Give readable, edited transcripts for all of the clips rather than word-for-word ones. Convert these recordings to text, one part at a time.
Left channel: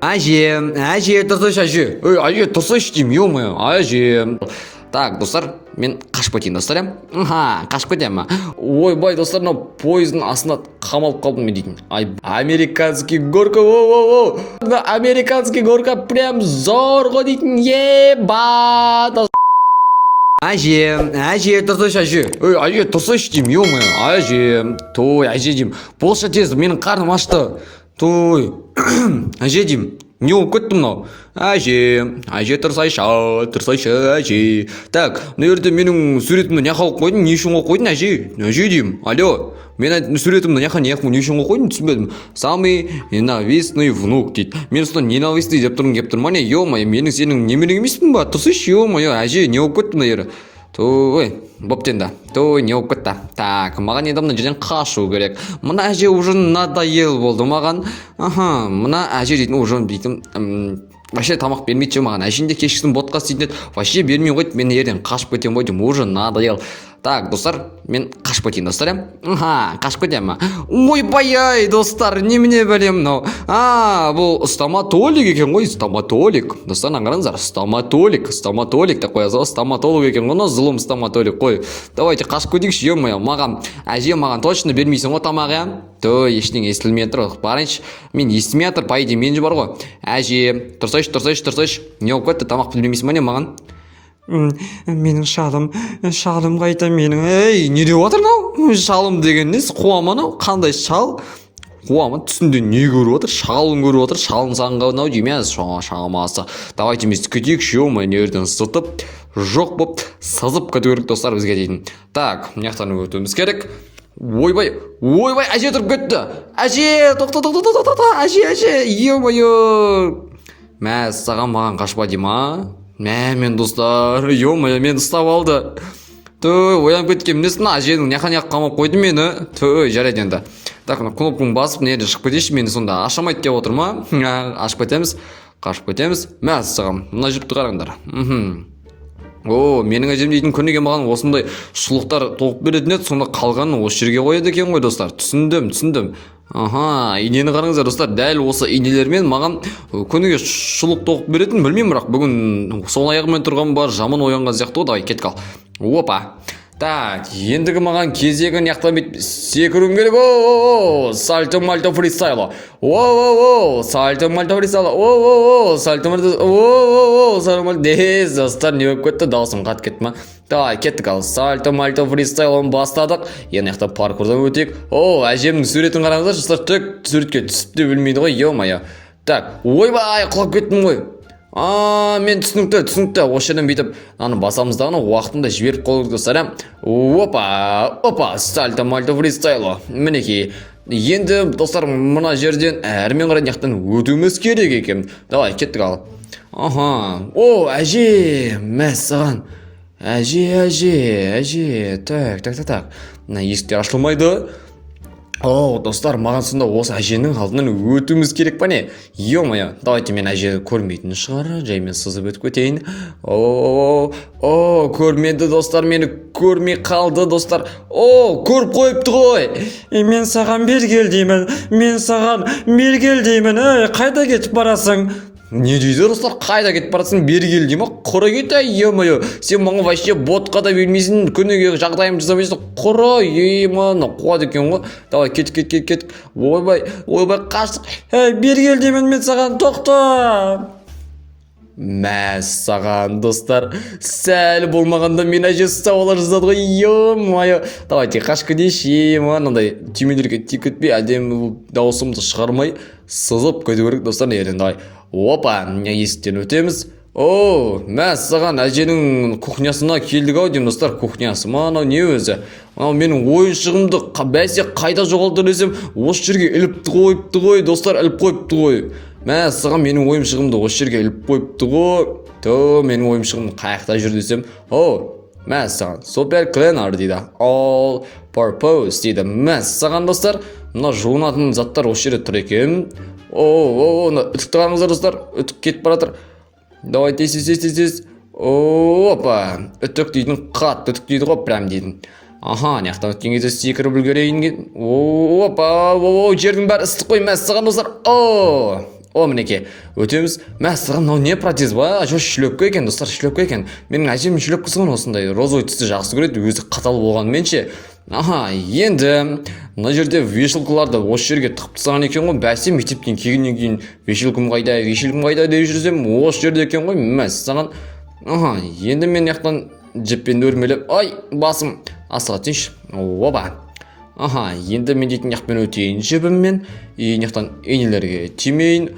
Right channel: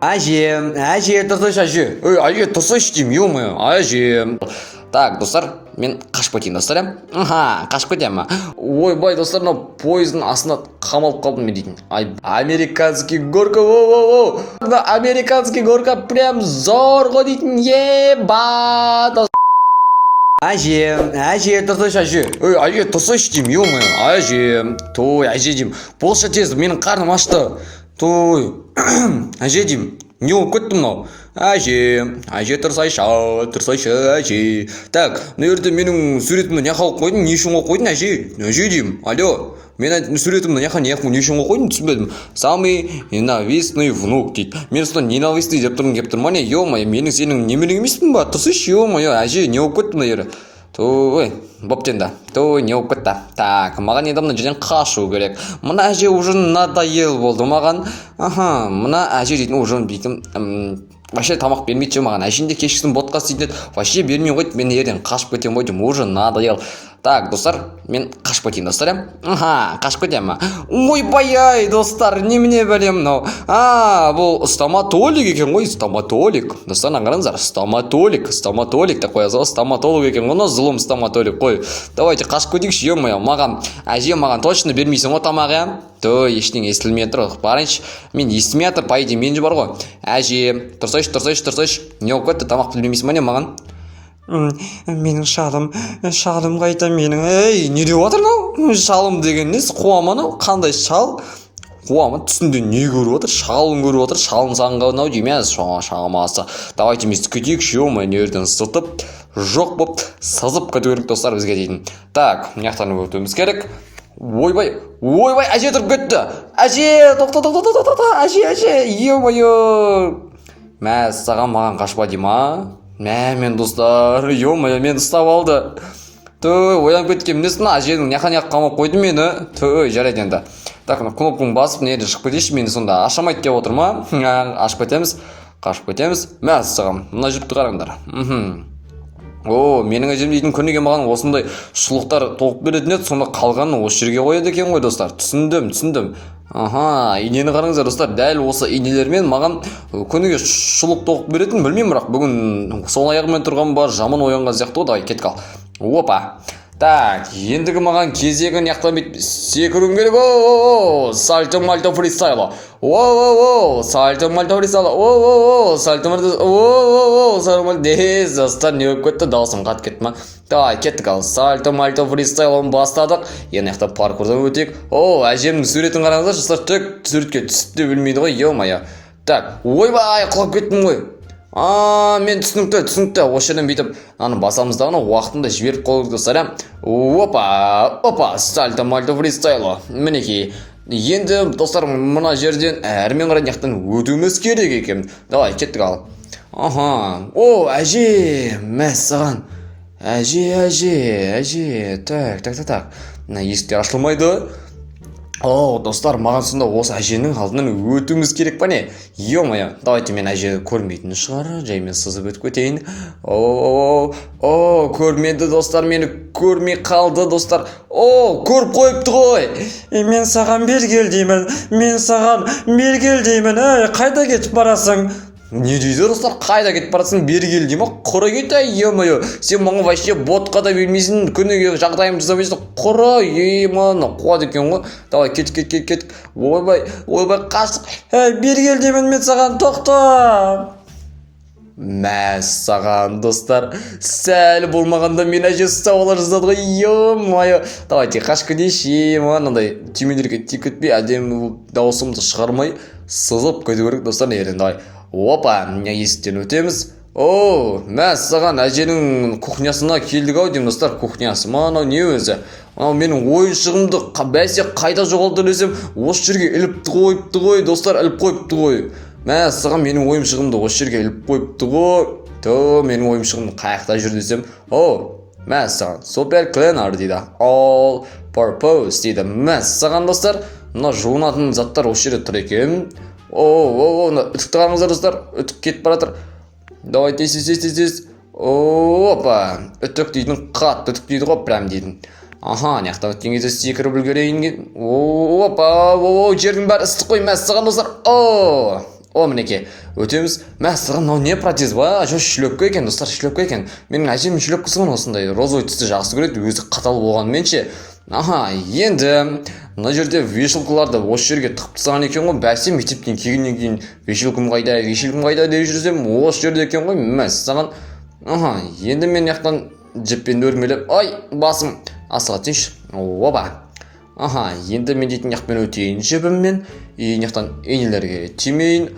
Әже, тұрсайшы әже. Әже, тұрсайшы деймін, ё-моё, әже. Так, достар, мен қашып кетейін, достар, қашып кетемін. Ойбай, достар, мынау пойыздың астына қамалып қалдым мен дейтін. Американский горка, воу. Американский горка прям зорға дейтін, еба. Әже, тұрсайшы әже. Әже, тұрсайшы деймін, ё-моё, әже. Той, әже деймін. Болшы тез, менің қарным ашты. Той, әже деймін. Не болып кетті мынау? Әже, тұрсайшы, әже. Так, мына жерде менің суретімді не қылып қойдың, не үшін қойып қойдың, әже деймін. Алло, мен суретімді не үшін қойып қойдың, түсінбедім. Самый ненавистный внук дейді. Мен содан ненавистный деп тұрмын, кеп тұрмын, ё-моё, менің сенің немерең емеспін ба? Тұрсайшы, ё-моё, әже, не болып кетті мына жері? Той, боптенді. Той, не болып кетті. Так, маған енді мына жерден қашу керек. Мына әже уже надоел болды маған. Мына әже дейтін, уже дейтін, вообще тамақ бермейді же маған. Әжінде кешкісін ботқа істейтін еді. Вообще бермей қойды, мен ерден қашып кетем ғой деймін, уже надоел. Так, достар, мен қашып кетейін, достар, қашып кетемін. Ойбай-ай, достар, немене бәлем мынау? Бұл стоматолог екен ғой, стоматолог. Достар, қараңыздар, стоматолог деп қоясыз ғой, стоматолог екен ғой, зұлым стоматолог қой. Давайте қашып кетейікші, ё-моё, әже маған точно бермейсің ғой тамақ, иә? Той, ештеңе естілмей тұр. Барайыншы, мен естімей жатыр, по идее, мен же бар ғой. Әже, тұрсайшы. Не болып кетті, тамақ бермейсің ба не маған? Менің шалым қайта менің. Не деп отыр мынау? Шалым деген несі? Қуама мынау? Қандай шал? Қуама түсінде не көріп отыр? Шалын көріп отыр. Шалын сағынған ау дейміз. Шамасы. Давайте біз кетейікші, ё-моё, не жерден сытып, жоқ боп сызып кету керек, достар, бізге дейтін. Так, мына жақтан өтуіміз керек. Ойбай, әже тұрып кетті. Әже, тоқта, әже, ё-моё. Саған маған қашпа дейма. Мен достар, ё-моё, мен ұстап алды. Той, оянып кеткен несін, әженің няқа қамап қойды мені. Той, жарайды енді. Так, кнопканы басып, неде шығып кетейші, мені сонда ашамайды деп отыр ма? Ашып кетеміз. Саған, мына жіпті қараңдар. Менің әжем дейтін күніге маған осындай шұлықтар тоқып беретін еді, сонда қалғанын осы жерге қояды екен ғой, достар. Түсіндім. Инені қараңыздар, достар, дәл осы инелермен маған күніге шұлық тоқып беретін, білмеймін, бірақ бүгін сол аяғымен тұрған бар, жаман оянған сияқты ғой, давай кетіп қал. Опа. Так, ендігі маған кезегі няқтан бет секіруім керек. Сальто мальто фристайло. Сальто мальто фристайло. Сальто мальто. Дез, достар, не өп кетті, даусым қат кетті ма? Давай, кеттік ал. Сальто мальто фристайлоны бастадық. Енді няқтан паркурдан өтек. Әжемнің суретін қараңыздар, достар, тек суретке түсіп те білмейді ғой, ё-моё. Так, ойбай, құлап кеттім ғой. Мен түсінікті. Осы жерден бүйтіп, басамыздағыны уақытында жіберіп қолды, достар. Опа, сальто мальто фристайло. Мінекей. Енді, достар, мына жерден әрмен қарай няқтан өтуіміз керек екен. Давай, кеттік ал. Әже, саған. Әже. Так. Есіктер ашылмайды. Достар, маған сонда осы әженің алдынан өтуіміз керек па не? Ё-моё, давайте мен әже көрмейтін шығар, жаймен сызып өтіп кетейін. Көрмеді, достар, мені көрмей қалды, достар. Көріп қойыпты ғой. Мен саған бергел деймін. Қайда кетіп барасың? Не дейді, достар, қайда кетіп барасың, бергел деймін, құры кет, ё-моё. Сен маған вообще ботқа да бермейсің, күніге жағдайым жасамайсың, құры, ё-моё, қуады екен ғой. Давай, кет. Ойбай, қаштық. Бергел деймін мен саған, тоқта. Саған, достар, сәл болмағанда мен әже сауалар жазады ғой, ё-моё. Давайте, қашып кетейші, мынандай түймелерге тиіп кетпей, әдемі даусымды шығармай сызып кету керек, достар, ерден. Давай. Опа, есіктен өтеміз. Саған әженің кухнясына келдік ау деймін, достар. Кухнясы мынау не өзі? Мынау менің ойыншығымды бәсе қайда жоғалды десем, осы жерге іліпті қойыпты ғой, достар, іліп қойыпты ғой. Саған менің ойыншығымды осы жерге іліп қойыпты ғой. Менің ойыншығымды қаяқта жүр десем, саған супер кленар дейді. All purpose дейді. Саған, достар, мына жуынатын заттар осы жерде тұр екен. Үтікті қараңыздар, достар, үтік кетіп баратыр. Давай, тез. Опа, үтік дейтін, қатты үтік дейді ғой, прям дейтін. Няқтан өткен кезде секіріп үлгерейін. Опа, жердің бәрі ыстық қой, мәссаған, достар. О, мінекей, өтеміз. Мәссаған, мынау не протез ба? Шлепка екен, достар, шлепка екен. Менің әжем шлепкасы ғой осындай розовый түсті жақсы көреді, өзі қатал болғанмен ше. Енді мына жерде вешалкаларды осы жерге тығып тастаған екен ғой. Бәсе мектептен келгеннен кейін вешалкам қайда деп жүрсем, осы жерде екен ғой. Мәссаған. Енді мен яқтан жіппен өрмелеп, ай, басым асыға тиінші. Оба. Енді мен дейтін яқпен өтейін жібіммен, яқтан енелерге тимейін.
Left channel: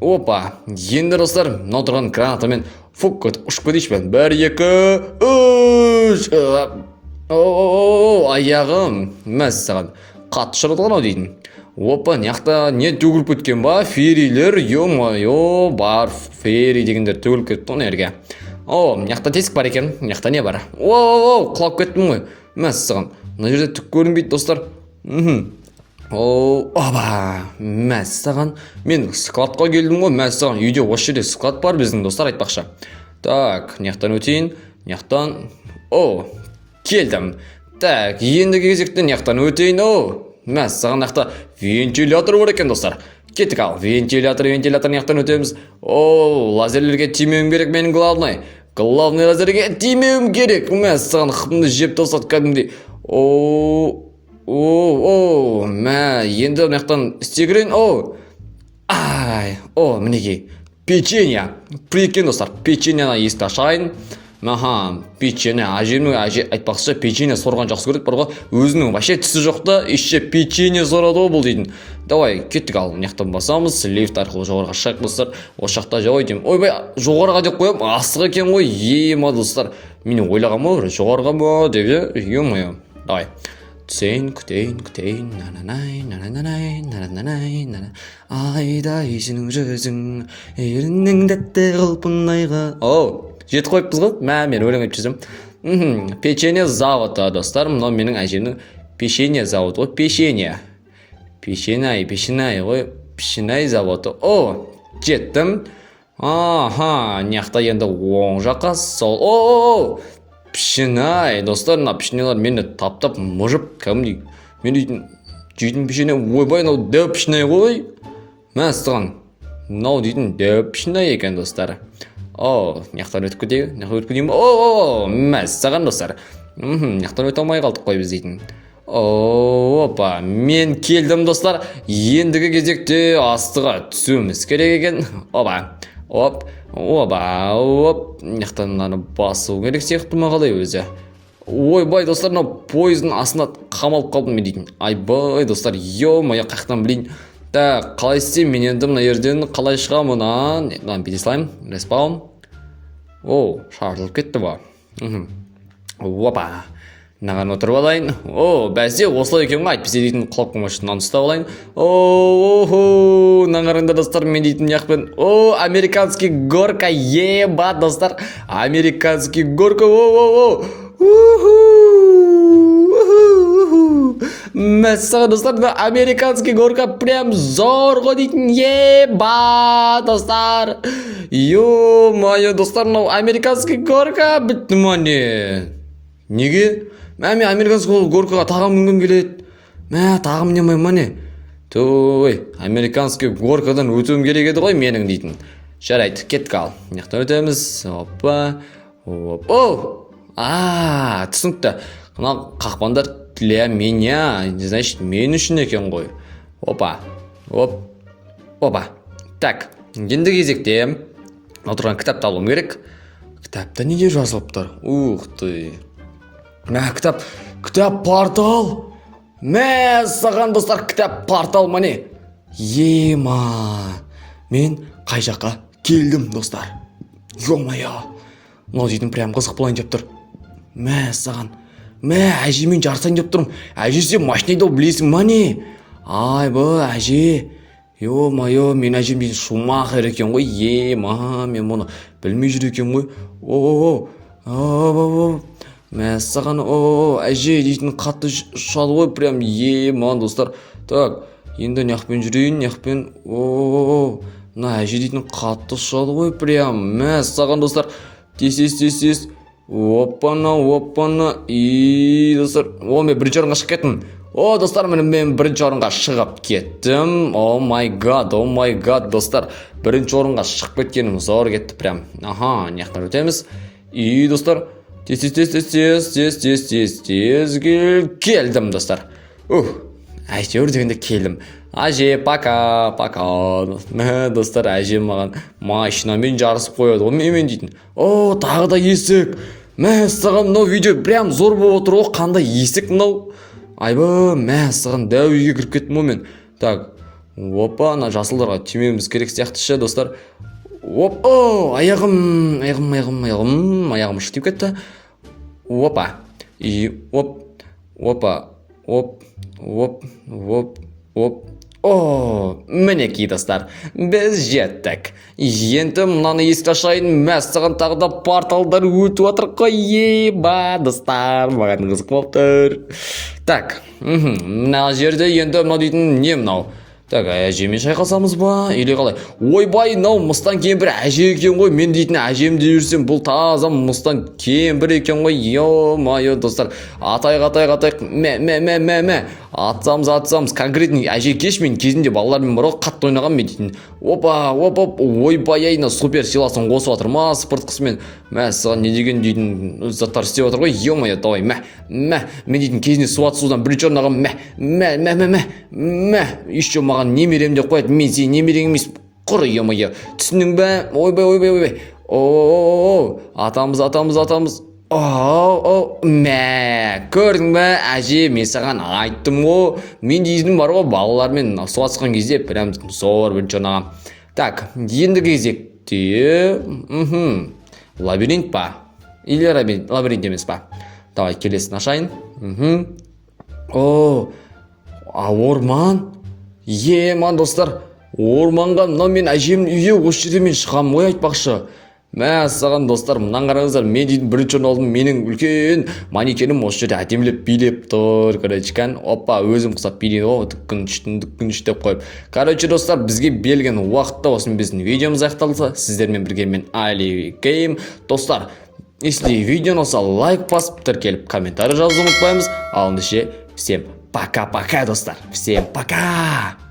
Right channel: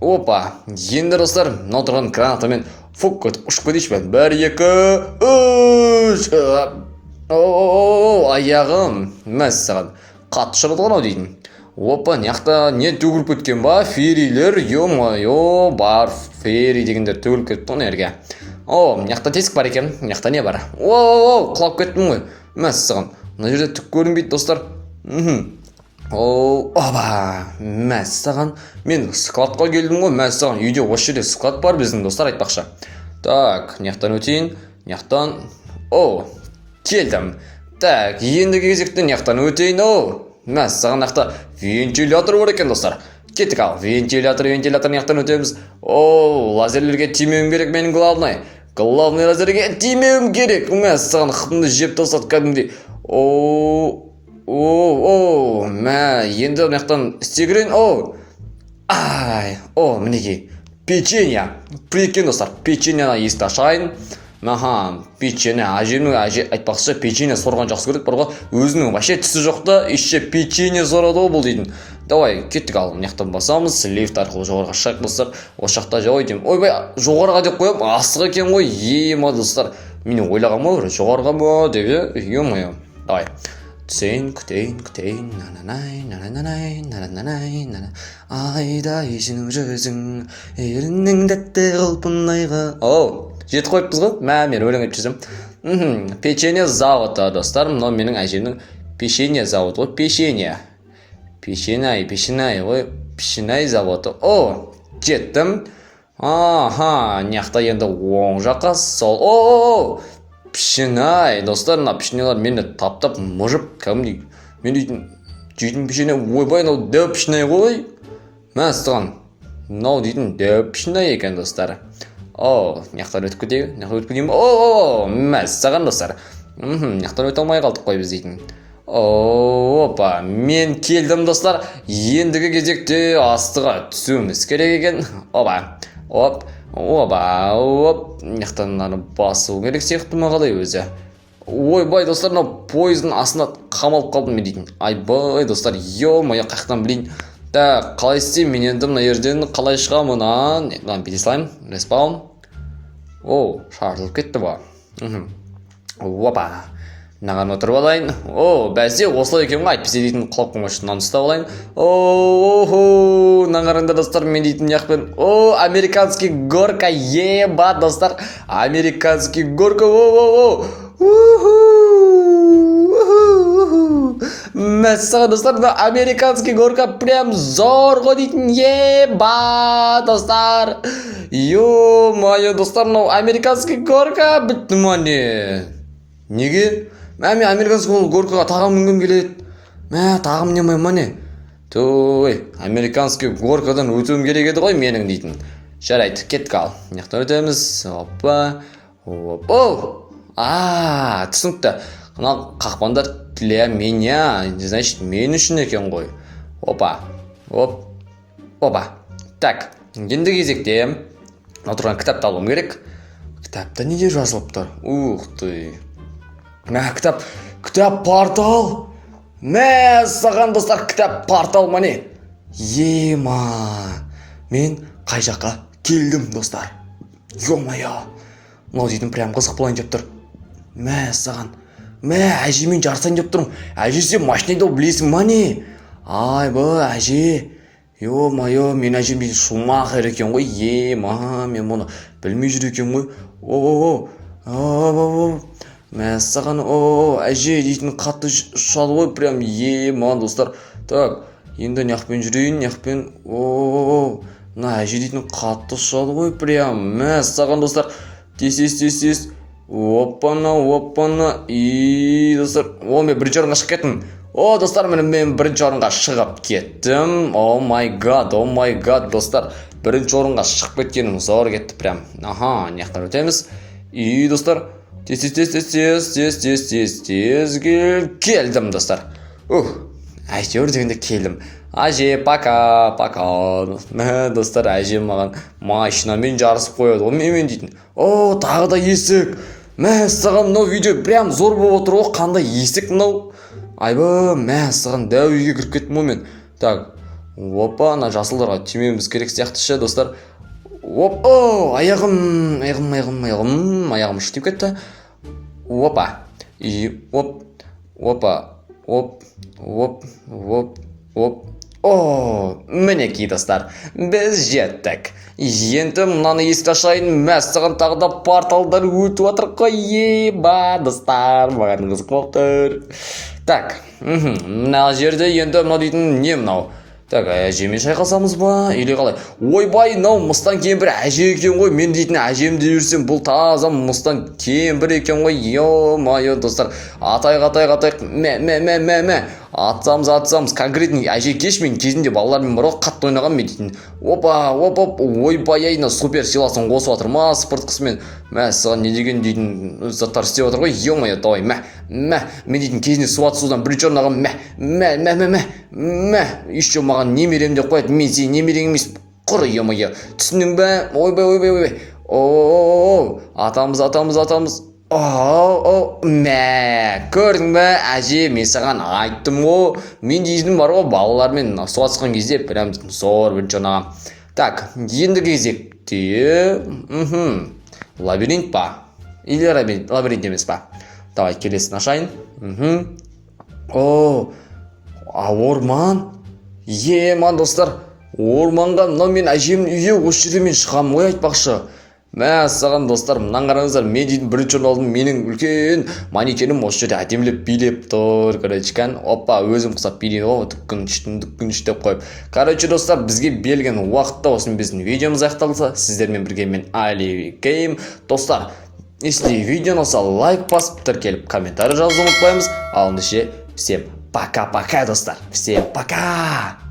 Опа. Енді достар, мынау тұрған гранатамен фук өтіп ұшып кетейші бән. 1, 2, 3. Аяғым. Мәссаған. Қатты шырылған ау дейтін. Опа, яқта не төгіліп кеткен ба? Ферилер, ё-майо, бар фери дегендер төгіліп кетті оны ерге. Яқта тесік бар екен. Яқта не бар? Құлап кеттім ғой. Мәссаған. Мына жерде түк көрінбейді, достар. Оба, мәссаған. Мен складқа келдім ғой, мәссаған. Үйде осы жерде склад бар біздің, достар, айтпақша. Так, яқтан өтейін. Яқтан. Келдім. Так, ендігі кезектен яқтан өтейін. Мәссаған, яқта вентилятор бар екен, достар. Кеттік ал. Вентилятор яқтан өтеміз. Лазерлерге тимеуім керек менің главный. Главный лазерге тимеуім керек. Мәссаған, қытымды жеп тосат кәдімдей. Енді яқтан істегірейін. Мінекей. Печенье. Прикинь, достар, печеньені есті ашайын. Печенье. Әжемнің айтпақшы печенье сорған жақсы көреді, барға өзінің вообще түсі жоқта, еще печенье сорады ол дейтін. Давай, кеттік ал, яқтан басамыз, лифт арқылы жоғарға шақ, достар. Осы жақта жауай деймін. Ойбай, жоғарға деп қоям, асық екен ғой, ема, достар. Мен ойлаған ма, жоғарға ма деп, ема. Давай. Күтейін, айда есінің жүзің, ерінің дәтті қылпынайға. Жеті қойыппыз ғой? Мен өлең еп жүзім. Печенье заводы, достар. Мынау менің әжемнің печенье заводы ғой. Печенье ғой. Печенье заводы. Жеттім. Неқта енді оң жаққа сол. Печенье, достар, мына печеньелар мені таптап мұжып, кәдімдей. Мен дейтін печенье, ойбай, мынау дәу печенье ғой. Мәссаған. Мынау дейтін дәу печенье екен, достар. Яқтан өтіп кетейін. Мәссаған, достар. Яқтан өте алмай қалдық қой біз дейтін. Опа, мен келдім, достар. Ендігі кезекте астыға түсуіміз керек екен. Яқтан мынаны басу керек сияқты ма қалай өзі. Ойбай, достар, мынау пойыздың астына қамалып қалдым мен дейтін. Айбай, достар, ё-мая, қаяқтан білейін. Так, қалай істеймін мен енді мына жерден қалай шығамын? Бейте салайын, респаун. Шарылып кетті ба. Опа, мынаған отырып алайын. Бәсе, осылай екен ғой, айтпесе дейтін құлап қылмашы, мынаны ұстап алайын. Наңарыңдар, достар, мен дейтін яқпен. Американский горка, еба, достар. Американский горка, Мәссаған, достар, американский горка прям зорға дейтін. Еба, достар. Ё-майо, достар, американский горка бітті мане. Неге? Мен американский горкаға тағым мінгім келеді. Тағым мінемай мане. Американский горкадан өтуім керек еді ғой менің дейтін. Жарайды, кеттік ал. Яқтан өтеміз. Түсінікті. Мына қақпандар для меня, значит, мен үшін екен ғой. Опа. Так, енді кезекте отырған кітапты алуым керек. Кітапта неге жазылыптыр? Ух ты. Кітап портал. Мәссаған, достар, кітап портал мане. Ема. Мен қай жаққа келдім, достар. Ё-майо. Мынау дейтін прям қызық болайын деп тұр. Мәссаған. Әжемен жарысайын деп тұрмын. Әже сен машинайды білесің мане. Айбай, әже. Ё-майо, мен әжем дейтін Шумахер екен ғой. Ема, мен мұны білмей жүр екен ғой. Мәссаған, әже дейтін қатты ұшады ғой, прям ема, достар. Так, енді неқпен жүрейін, неқпен. Мына әже дейтін қатты ұшады ғой, прям. Мәссаған, достар. Тез. Опана. Достар, мен бір жарынға шық кеттім. О, достар, мен бірінші орынға шығып кеттім. О май гад, достар. Бірінші орынға шығып кеткенім зор кетті прям. Аха, неқтан өтеміз. И, достар, тез келдім, достар. Әйтеуір дегенде келдім. Әже, пока. Достар, әже маған машинамен жарысып қояды. Мен дейтін. О, тағы да есік. Саған мынау видео прям зор болып отыр. О, қандай есік мынау. Айбы, саған дәу үйге кіріп кеттім мен. Так, опа, ана жасылдарға тимеуіміз керек сияқты ше, достар. Опа, аяғым шітіп кетті. Опа, и опа. О, мінекей, достар, біз жеттік. Енді мынаны есік ашайын, саған тағы да порталдар өтіп отыр қой. Еба, достар, маған қызық болып тұр. Так, мына жерде енді мынау дейтін не мынау? Так, әжемен шайқасамыз ба? Или қалай? Ойбай, мынау мыстан кемпір әже екен ғой. Мен дейтін әжем де жүрсем, бұл таза мыстан кемпір екен ғой. Йо-майо, достар. Атайық. Мә. Атсамыз. Конкретный әже кеш мен кезінде балалармен бар ғой, қатты ойнаған мен дейтін. Опа. Ойбай, айна супер силасын қосып жатыр ма спорткысымен. Саған не деген дейтін заттар істеп отыр ғой. Йо-майо, давай. Мен дейтін кезінде судан бірінші орын алған. Еще маған немерем деп қояды. Мен сен немерең емес. Құр, йо-майо. Түсіндің бе? Ойбай. Атамыз. Көрдің бе, әже, мен саған айттым ғой. Мен дейтінім бар ғой, балалармен суатысқан кезде прям зор бірінші орын алған. Так, ендігі кезекте лабиринт па? Или лабиринт емес па? Давай, келесін ашайын. Орман? Ман, достар, орманға мынау мен әжемнің үйі осы жерде мен шығам ғой айтпақшы. Саған, достар, мынан қараңыздар, мен дейтін бірінші орын алдым, менің үлкен манекенім осы жерде әдемілеп билеп тұр. Короче, опа, өзім құсап билейін ғой, дүккін деп қойып. Короче, достар, бізге берілген уақытта осымен біздің видеомыз аяқталды. Сіздермен бірге мен Али Гейм. Достар, если видео ұнаса, лайк басып, тіркеліп, комментарий жазуды ұмытпаймыз. Ал ендеше, всем пока-пока, достар. Всем пока!